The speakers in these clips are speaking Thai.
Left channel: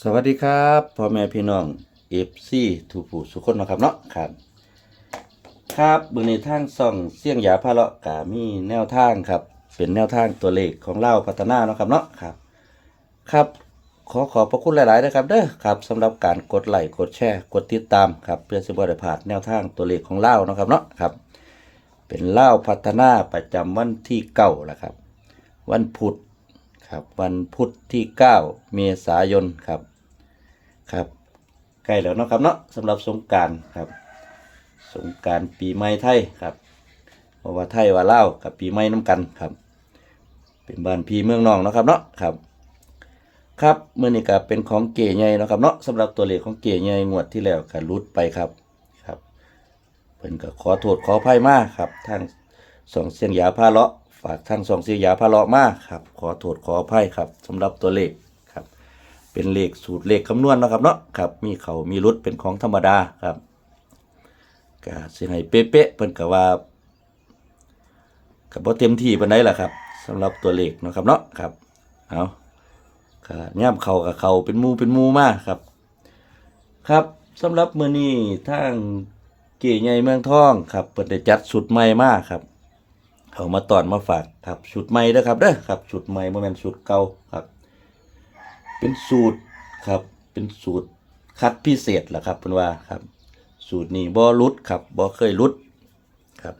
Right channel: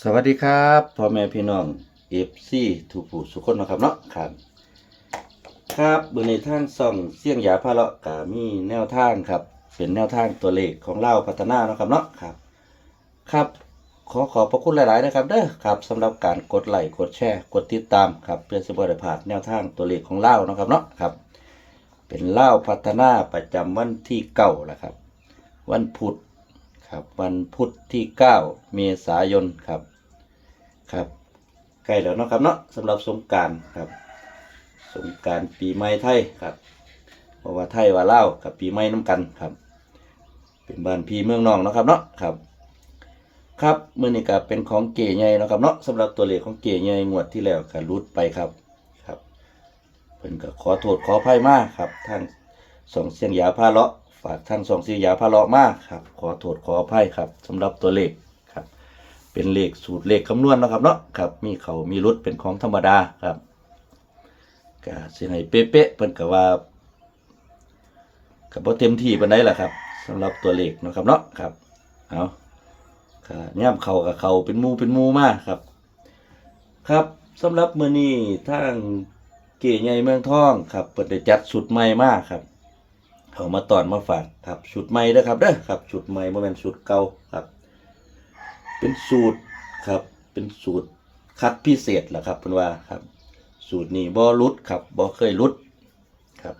สวัสดีครับพ่อแม่พี่น้องเอฟซีทุกผู้สุคนนะครับเนาะครับ ครับบนในทางส่องเสี่ยงยาพาเลาะกามีแนวทางครับ เป็นแนวทางตัวเลขของเล่าพัฒนาเนาะครับเนาะครับ ครับ ขอขอบพระคุณหลายๆนะครับเด้อครับสำหรับการกดไลค์กดแชร์กดติดตามครับเพื่อสิบได้พลาดแนวทางตัวเลขของเล่าเนาะครับเนาะครับ เป็นเล่าพัฒนาประจำวันที่เก้าแล้วครับ วันพุธ ครับวันพุธที่ 9 เมษายนครับครับใกล้แล้วเนาะครับเนาะสำหรับสงการครับ สงการปีใหม่ไทยครับเพราะว่าไทยว่าเล่ากับปีใหม่น้ำกันครับ เป็นบ้านพี่เมืองน้องเนาะครับเนาะครับ ครับเมื่อนี้ก็เป็นของเก๋ใหญ่เนาะครับเนาะสำหรับตัวเลขของเก๋ใหญ่งวดที่แล้วก็รุดไปครับครับเพิ่นก็ขอโทษขออภัยมากครับทางสองเสียงยาพาเลาะ ฝากทางสองเสียยาพาเลาะมากครับ ขอโทษขออภัยครับสำหรับตัวเลขครับ เป็นเลขสูตรเลขคำนวณเนาะครับเนาะครับ มีเขามีรุดเป็นของธรรมดาครับก็สิให้เป๊ะๆเพิ่นก็ว่าก็บ่เต็มที่ปานใดล่ะครับสำหรับตัวเลขเนาะครับเนาะครับเอาก็แนมเขากับเขาเป็นมูเป็นมูมากครับ ครับสำหรับมื้อนี้ทางเก๋ใหญ่เมืองทองครับเปิดได้จัดชุดใหม่มากครับ เอามาตอนมาฝากครับชุดใหม่เด้อครับเด้อครับชุดใหม่บ่แมนชุดเก่าครับ เป็นสูตรครับ เป็นสูตรคัดพิเศษแหละครับเพิ่นว่าครับ สูตรนี้บ่หลุดครับบ่เคยหลุดครับ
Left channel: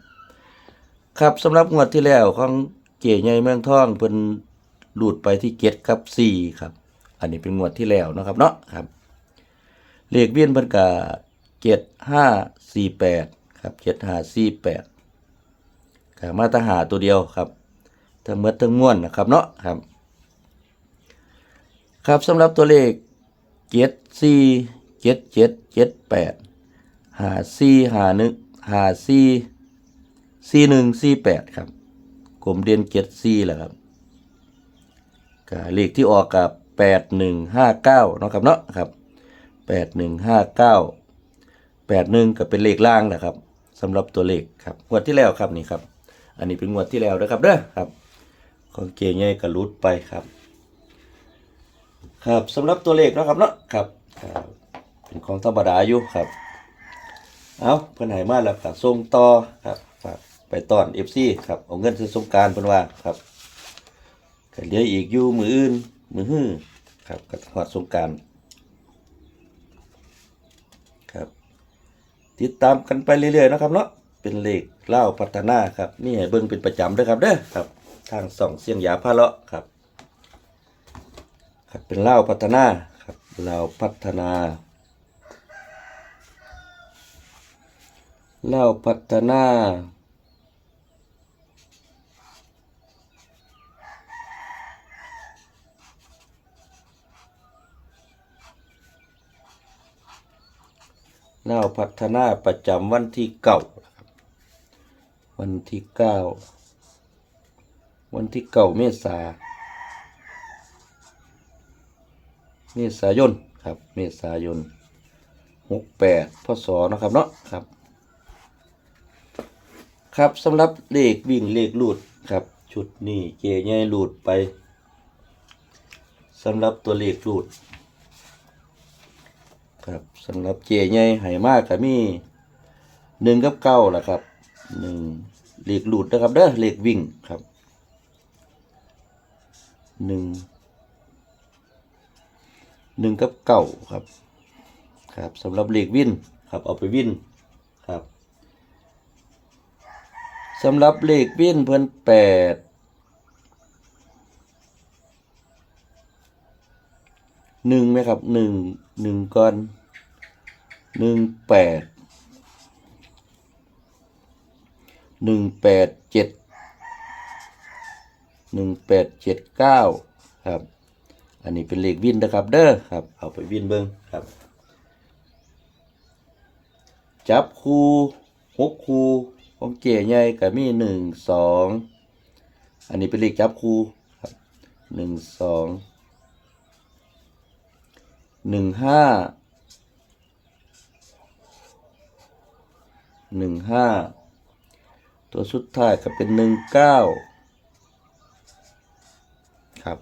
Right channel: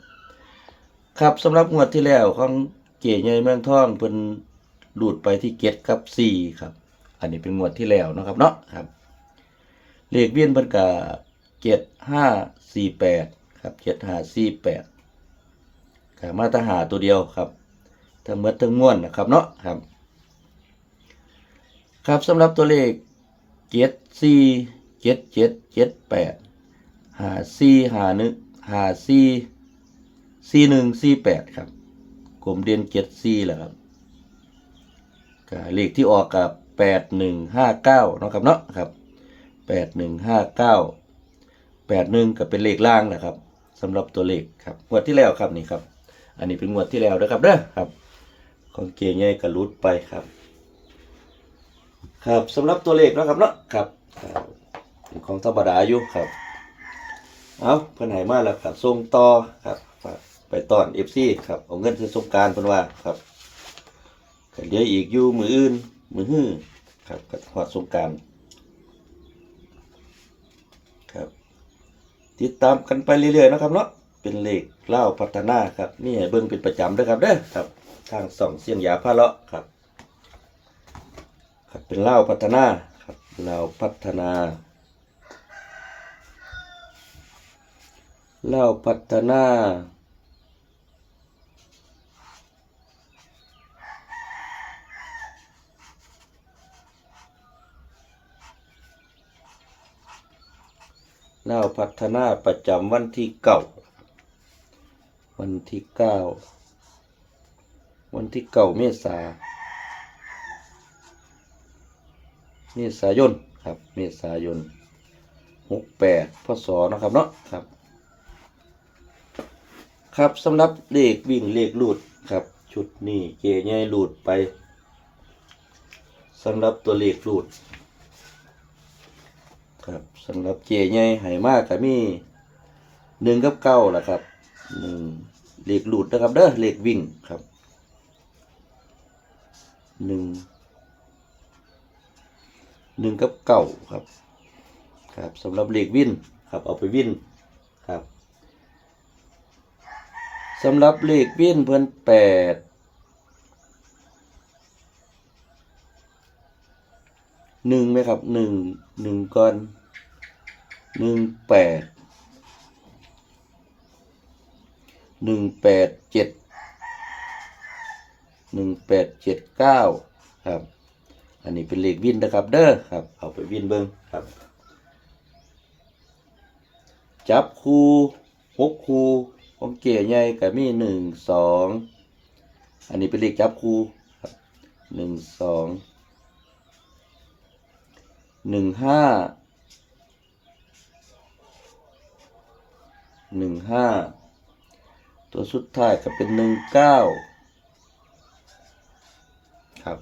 ครับสำหรับงวดที่แล้วของเก๋ใหญ่เมืองทองเพิ่นหลุดไปที่เกตครับ4ครับ อันนี้เป็นงวดที่แล้วนะครับเนาะครับเลขเวียนเพิ่นก็เจ็ดห้าสี่แปดครับเจ็ดห้าสี่แปด มาตรหาตัวเดียวครับทั้งหมดทั้งม้วลนะครับเนาะครับ ครับสำหรับตัวเลขเจ็ดสี่เจ็ดเจ็ดเจ็ดแปดหาสี่หาหนึ่งหาสี่สี่หนึ่งสี่แปดครับกลมเดียนเจ็ดสี่แหละครับก็เลขที่ออกกับแปดหนึ่งห้าเก้าเนาะครับเนาะครับแปดหนึ่งห้าเก้าแปดหนึ่งก็เป็นเลขล่างนะครับสำหรับตัวเลขครับงวดที่แล้วครับนี่ครับ อันนี้เป็นงวดที่แล้วนะครับเด้อครับ ของเกงใหญ่กระลุดไปครับ ครับสำหรับตัวเลขนะครับเนาะครับเป็นของธรรมดาอยู่ครับเอาเพิ่นให้มาแล้วครับส่งต่อครับไปตอน FC ครับเอาเงินซื้อสงการเพิ่นว่าครับก็เหลืออีกอยู่มืออื่นมือฮื้อครับก็ฮอดสงการครับ ติดตามกันไปเรื่อยๆนะครับเนาะ เป็นเหลขเล่าพัฒนาครับนี่เบิ่งเป็นประจำด้วยครับเด้อครับ ทางส่องเสียงยาพาเลาะครับครับเป็นเล่าพัฒนาครับเล่าพัฒนาเล่าพัฒนาเล่าพัฒนาประจำวันที่เก้า วันที่เก้าวันที่เก้าเมษาเมษายนครับ เมษายนหกแปดพศนะครับเนาะครับ ครับสำหรับเลขวิ่งเลขลูดครับชุดนี้เจใหญ่ลูดไปสำหรับตัวเลขลูดครับสำหรับเจใหญ่ให้มากก็มีหนึ่งกับเก้าแหละครับหนึ่ง เลขลูดนะครับเด้อเลขวิ่งครับหนึ่งหนึ่งกับเก่าครับครับสำหรับเลขวินครับเอาไปวิ่นครับสำหรับเลขวิ่นเพิ่นแปดหนึ่งไหมครับหนึ่งหนึ่งก่อนหนึ่งแปด หนึ่งแปดเจ็ดหนึ่งแปดเจ็ดเก้าครับ อันนี้เป็นเลขวินนะครับเด้อครับ เอาไปวินเบิ้งครับ จับคูหกคูของเก๋ใหญ่ก็มีหนึ่งสองอันนี้เป็นเลขจับคูครับหนึ่งสองหนึ่งห้าหนึ่งห้า ตัวสุดท้ายก็เป็นหนึ่งเก้าครับ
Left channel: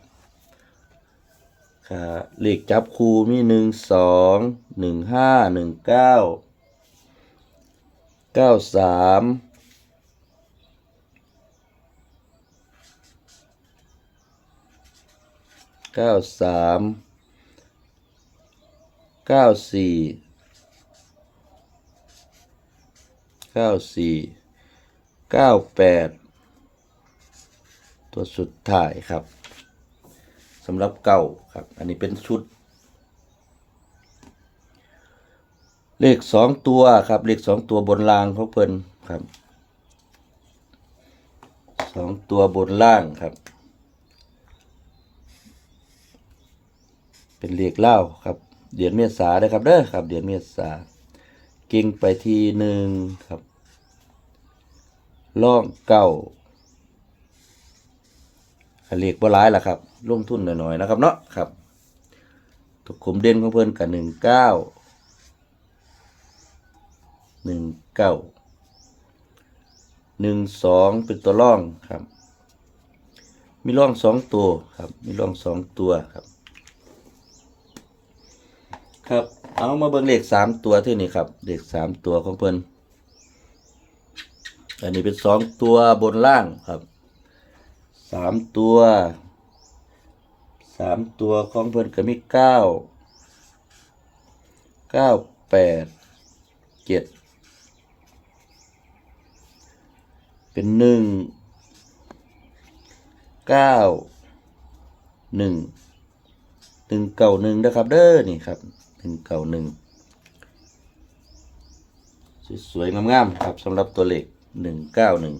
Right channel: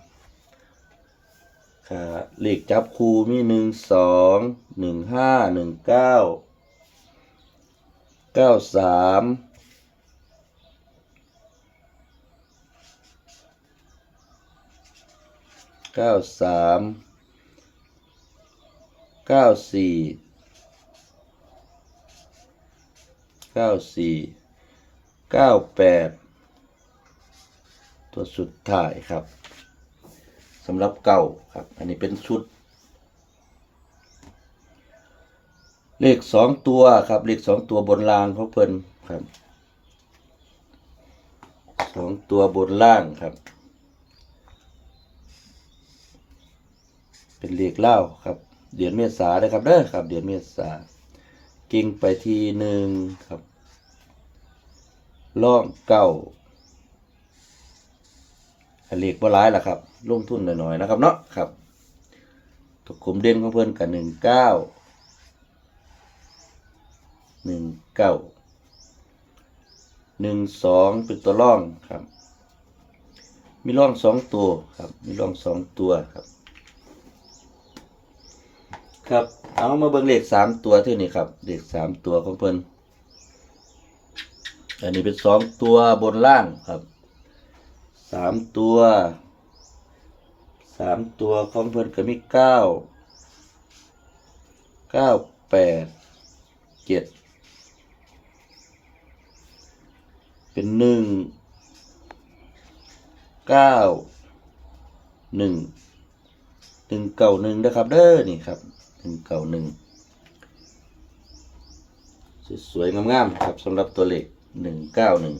เลขจับคู่มีหนึ่งสองหนึ่งห้าหนึ่งเก้าเก้าสามเก้าสามเก้าสี่เก้าสี่ เก้าแปดตัวสุดท้ายครับสำหรับเก่าครับ อันนี้เป็นชุด เลขสองตัวครับ เลขสองตัวบนล่างของเพิ่นครับสองตัวบนล่างครับ เป็นเลขเล่าครับเดือนเมษาได้ครับเด้อครับ เดือนเมษากิ่งไปทีหนึ่งครับ ล่องเก้าเลขบ่หลายล่ะครับ ลงทุนหน่อยๆนะครับเนาะครับตัวคุมเด่นของเพิ่นกับหนึ่งเก้าหนึ่งเก้าหนึ่งสองเป็นตัวร่องครับ มีร่องสองตัวครับ มีร่องสองตัวครับ ครับ เอามาเบิ่งเลขสามตัวที่นี่ครับเลขสามตัวของเพิ่น อันนี้เป็นสองตัวบนล่างครับสามตัวสามตัวของเพิ่นก็มีเก้าเก้าแปดเจ็ดเป็นหนึ่งเก้าหนึ่งหนึ่งเก่าหนึ่งนะครับเด้อนี่ครับหนึ่งเก่าหนึ่งสวยๆงามๆครับสำหรับตัวเลข หนึ่งเก้าหนึ่ง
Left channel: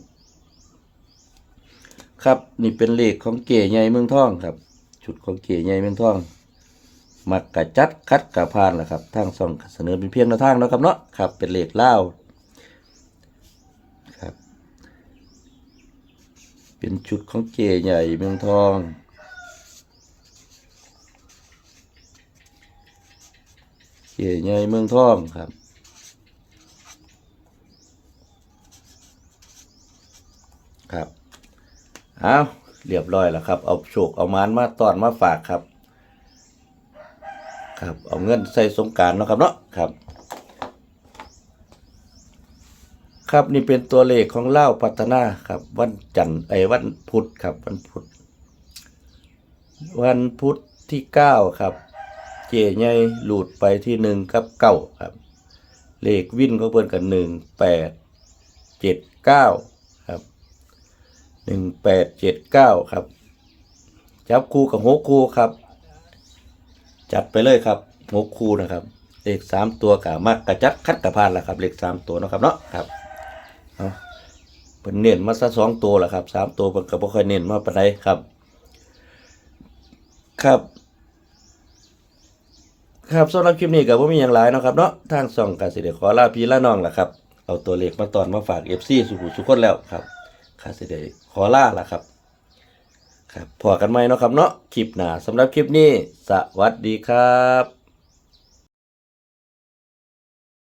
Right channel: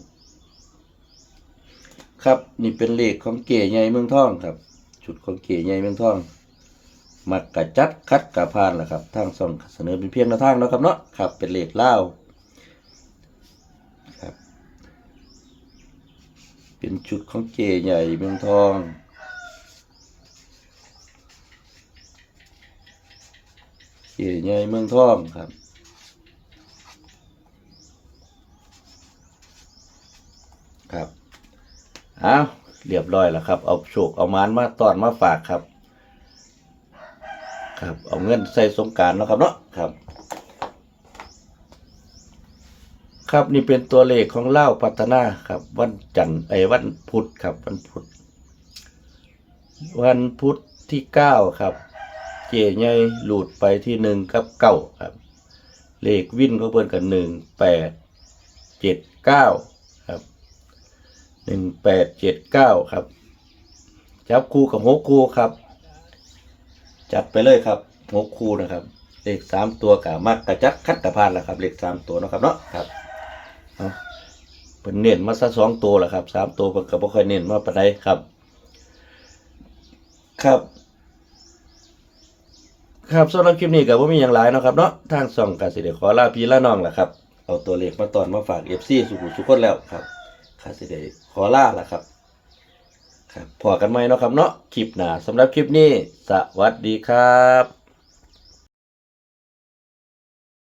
ครับนี่เป็นเลขของเก๋ใหญ่เมืองทองครับชุดของเก๋ใหญ่เมืองทอง มักกะจัดคัดกะพานแหละครับทางส่องเสนอเป็นเพียงแนวทางเนาะครับเนาะครับ เป็นเลขเล่าครับ เป็นชุดของเก๋ใหญ่เมืองทองเก๋ใหญ่เมืองทองครับ เอาเรียบร้อยแล้วครับ เอาโชคเอามานมาตอนมาฝากครับ ครับ เอาเงินใส่สงการนาะครับเนาะครับ ครับนี่เป็นตัวเลขของเล่าพัฒนาครับ วันจันทร์ไอ้วันพุธครับ วันพุธวันพุธที่เก้าครับ เจใหญ่หลุดไปที่หนึ่งกับเก้าครับ เลขวินเขาเพิ่นกันหนึ่งแปดเจ็ดเก้า หนึ่งแปดเจ็ดเก้าครับ จับคู่กับหกคู่ครับ จัดไปเลยครับหกคู่นะครับ เลขสามตัวกับมักกระจัดคัดกระพานละครับ เลขสามตัวเนาะครับเนาะครับเอาเป็นเน้นมาซะสองตัวแหละครับสามตัวเป็นกระบอกเคยเน้นมาปานใดครับ ครับ ครับสำหรับคลิปนี้ก็บ่มีอย่างหลายเนาะครับเนาะทางส่องกสิเดขอลาพี่ลาน้องล่ะครับ เอาตัวเลขมาตอนมาฝาก FC สุขุสุขคนแล้วครับ ข้าสิได้ขอลาละครับครับพอกันไหมเนาะครับเนาะคลิปหน้าสำหรับคลิปนี้ สวัสดีครับ